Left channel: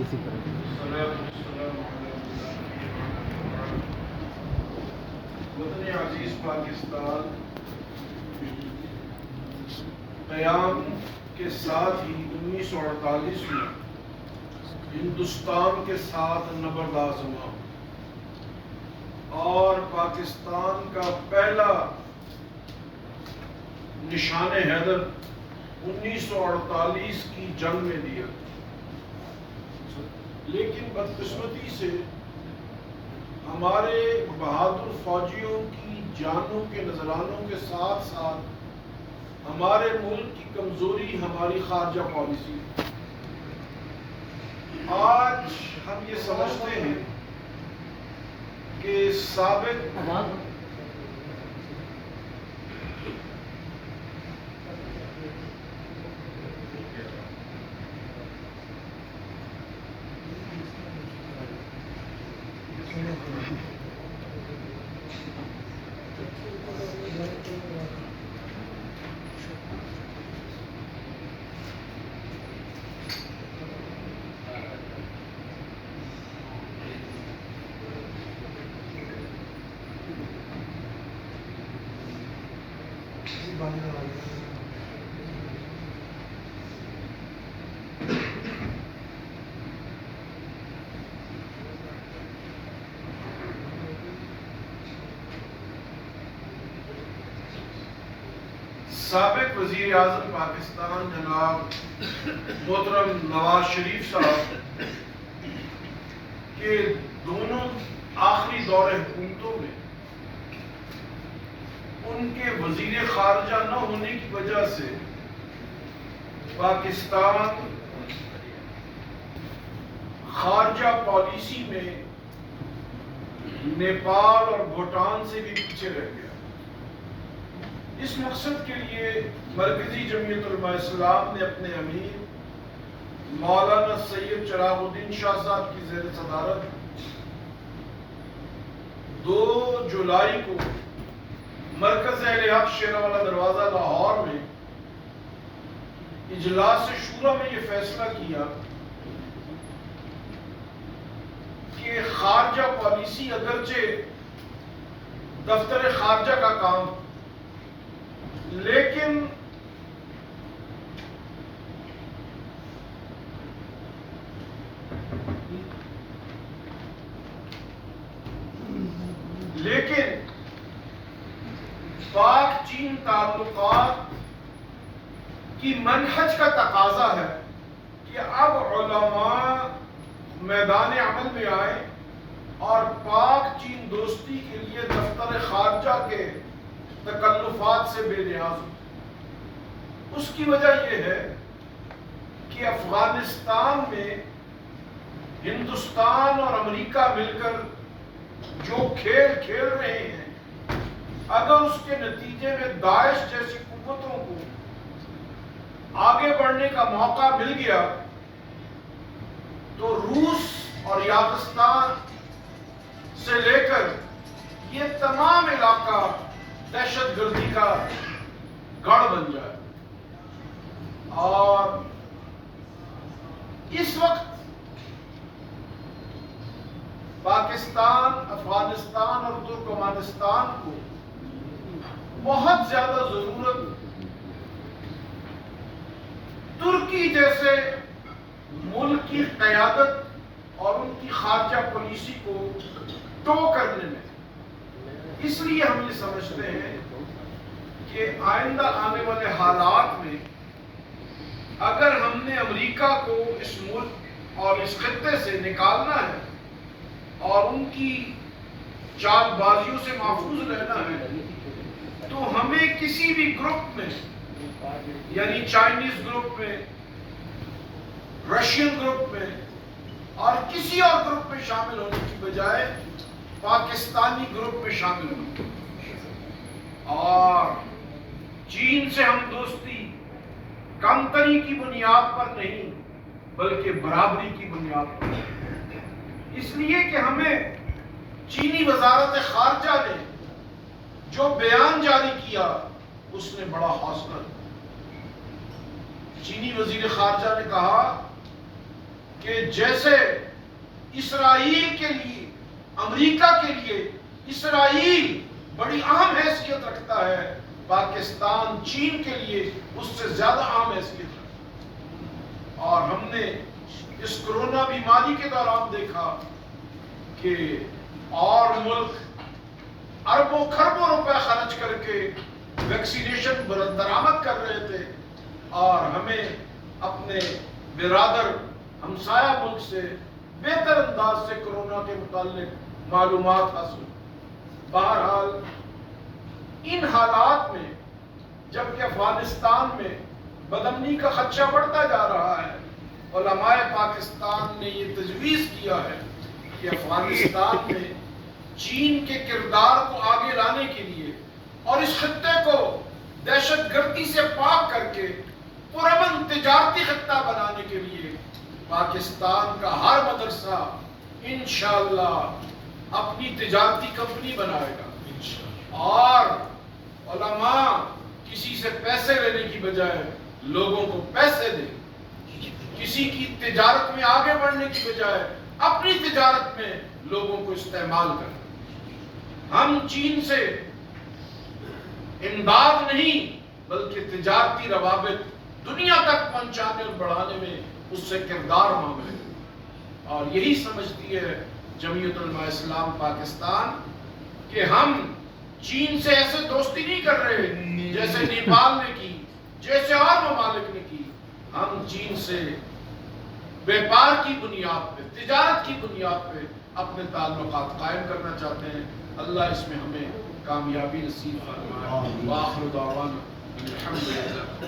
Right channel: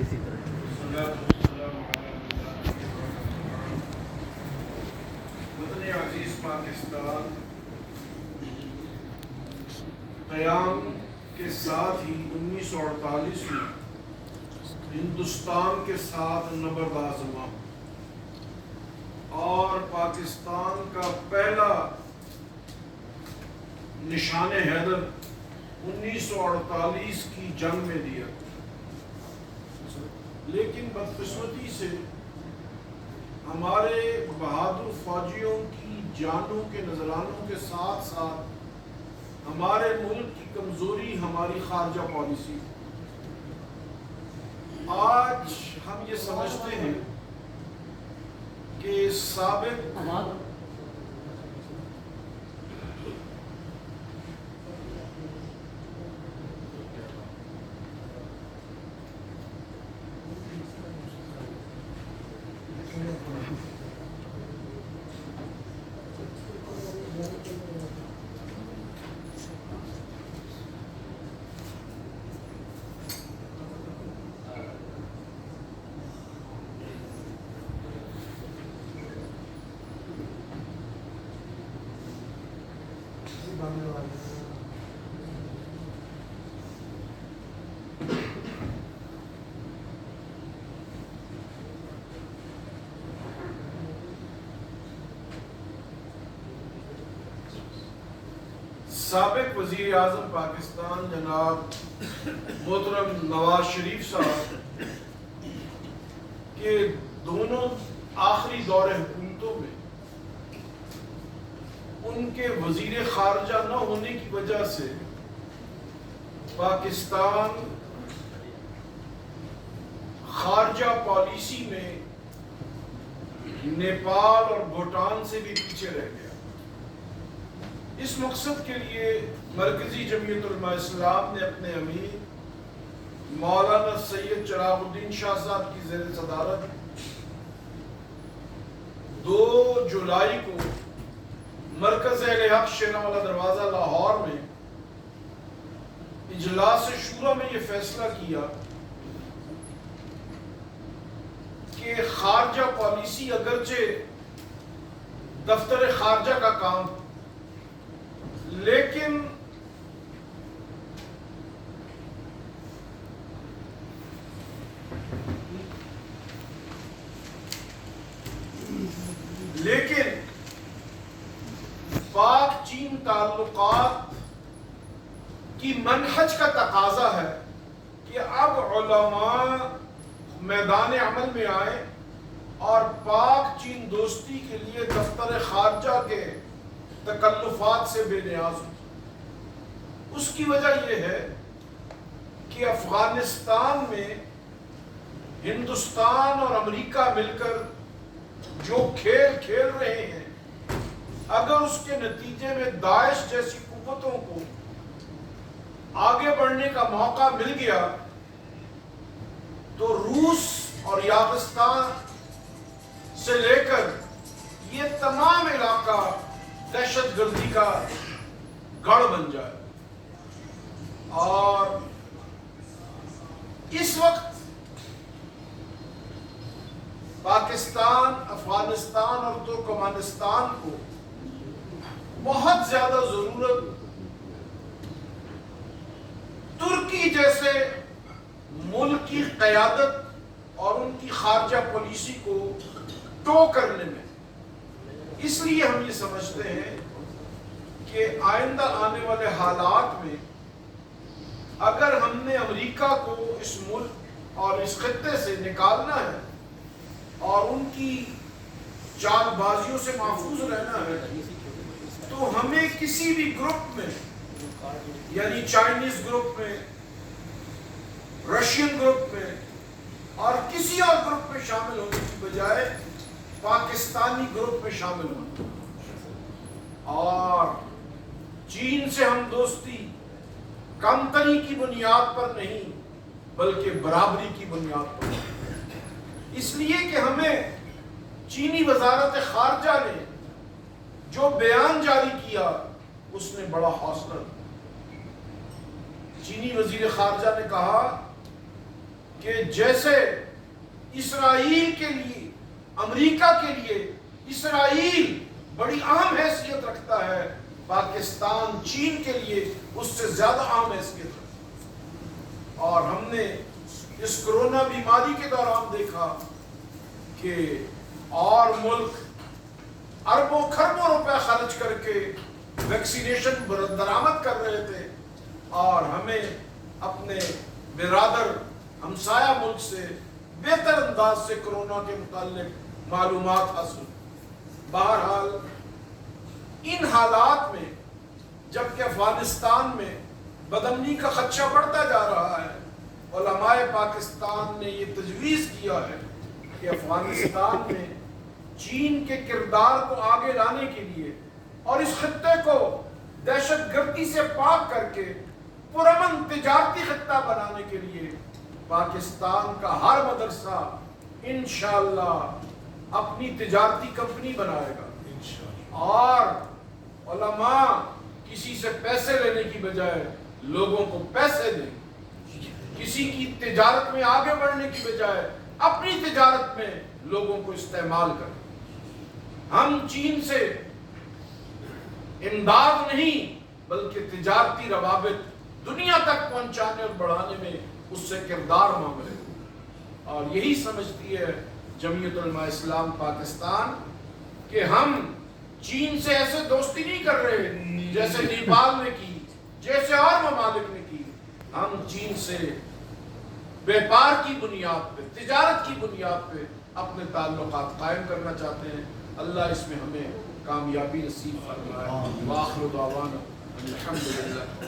اسی طرح وطن عزیز پاکستان قیام کے ساتھ ہی 1948 میں ہندوستان کے ساتھ نبرداز ہوا اور پاکستان کا پہلا نشان حیدر 1948 کی جنگ میں دیا. لیکن بدقسمتی سے ہمارے بہادر فوجیوں کی جانوں کے نذرانوں کے ساتھ ساتھ ہمارے ملک کی کمزوری ہماری خارجہ پالیسی. آج ہم یہ سمجھتے ہیں کہ سابق سابق وزیر اعظم پاکستان جناب محترم نواز شریف صاحب کے دونوں آخری دور حکومتوں میں ان کے وزیر خارجہ نہ ہونے کی وجہ سے پاکستان خارجہ پالیسی میں نیپال اور بھوٹان سے بھی پیچھے رہ گیا. اس مقصد کے لیے مرکزی جمعیت علماء اسلام نے اپنے امیر مولانا سید چراغ الدین شاہ صاحب کی زیر صدارت 2 جولائی کو مرکز اہل حق شیراوالا دروازہ لاہور میں اجلاس شورا میں یہ فیصلہ کیا کہ خارجہ پالیسی اگرچہ دفتر خارجہ کا کام لیکن پاک چین تعلقات کی منہج کا تقاضا ہے کہ اب علماء میدان عمل میں آئے اور پاک چین دوستی کے لیے دفتر خارجہ کے تکلفات سے بے نیاز ہو. اس کی وجہ یہ ہے کہ افغانستان میں ہندوستان اور امریکہ مل کر جو کھیل کھیل رہے ہیں اگر اس کے نتیجے میں داعش جیسی قوتوں کو آگے بڑھنے کا موقع مل گیا تو روس اور یازستان سے لے کر یہ تمام علاقہ دہشت گردی کا گڑھ بن جائے. اور اس وقت پاکستان، افغانستان اور ترکمانستان کو بہت زیادہ ضرورت ترکی جیسے ملک کی قیادت اور ان کی خارجہ پالیسی کو ٹو کرنے میں. اس لیے ہم یہ سمجھتے ہیں کہ آئندہ آنے والے حالات میں اگر ہم نے امریکہ کو اس ملک اور اس خطے سے نکالنا ہے اور ان کی چال بازیوں سے محفوظ رہنا ہے تو ہمیں کسی بھی گروپ میں یعنی چائنیز گروپ میں، رشین گروپ میں اور کسی اور گروپ میں شامل ہونے کی بجائے پاکستانی گروپ میں شامل ہونا. اور چین سے ہم دوستی کمتری کی بنیاد پر نہیں بلکہ برابری کی بنیاد پر. اس لیے کہ ہمیں چینی وزارت خارجہ نے جو بیان جاری کیا اس نے بڑا حوصلہ. چینی وزیر خارجہ نے کہا کہ جیسے اسرائیل کے لیے، امریکہ کے لیے اسرائیل بڑی اہم حیثیت رکھتا ہے، پاکستان چین کے لیے اس سے زیادہ اہم حیثیت رکھتا ہے۔ اور ہم نے اس کرونا بیماری کے دوران دیکھا کہ اور ملک اربوں خربوں روپے خرچ کر کے ویکسینیشن درآمد کر رہے تھے، اور ہمیں اپنے برادر ہمسایہ ملک سے بہتر انداز سے کرونا کے متعلق معلومات حاصل۔ بہرحال ان حالات میں جبکہ افغانستان میں بدامنی کا خدشہ بڑھتا جا رہا ہے، علماء پاکستان نے یہ تجویز کیا ہے کہ افغانستان میں چین کے کردار کو آگے لانے کے لیے اور اس خطے کو دہشت گردی سے پاک کر کے پرامن تجارتی خطہ بنانے کے لیے پاکستان کا ہر مدرسہ انشاءاللہ اپنی تجارتی کمپنی بنائے گا، اور علماء کسی سے پیسے لینے کی بجائے لوگوں کو پیسے دیں، کسی کی تجارت میں آگے بڑھنے کی بجائے اپنی تجارت میں لوگوں کو استعمال کریں۔ ہم چین سے امداد نہیں بلکہ تجارتی روابط دنیا تک پہنچانے اور بڑھانے میں اس سے کردار مانگ رہے ہیں، اور یہی سمجھتی ہے جمعیت علماء اسلام پاکستان کہ ہم چین سے ایسے دوستی نہیں کر رہے جیسے نیپال نے کی، جیسے اور ممالک نے کی۔ ہم چین سے بیپار کی بنیاد پہ، تجارت کی بنیاد پہ اپنے تعلقات قائم کرنا چاہتے ہیں۔ اللہ اس میں ہمیں کامیابی نصیب فرمائے۔ وآخر دعوانا الحمدللہ۔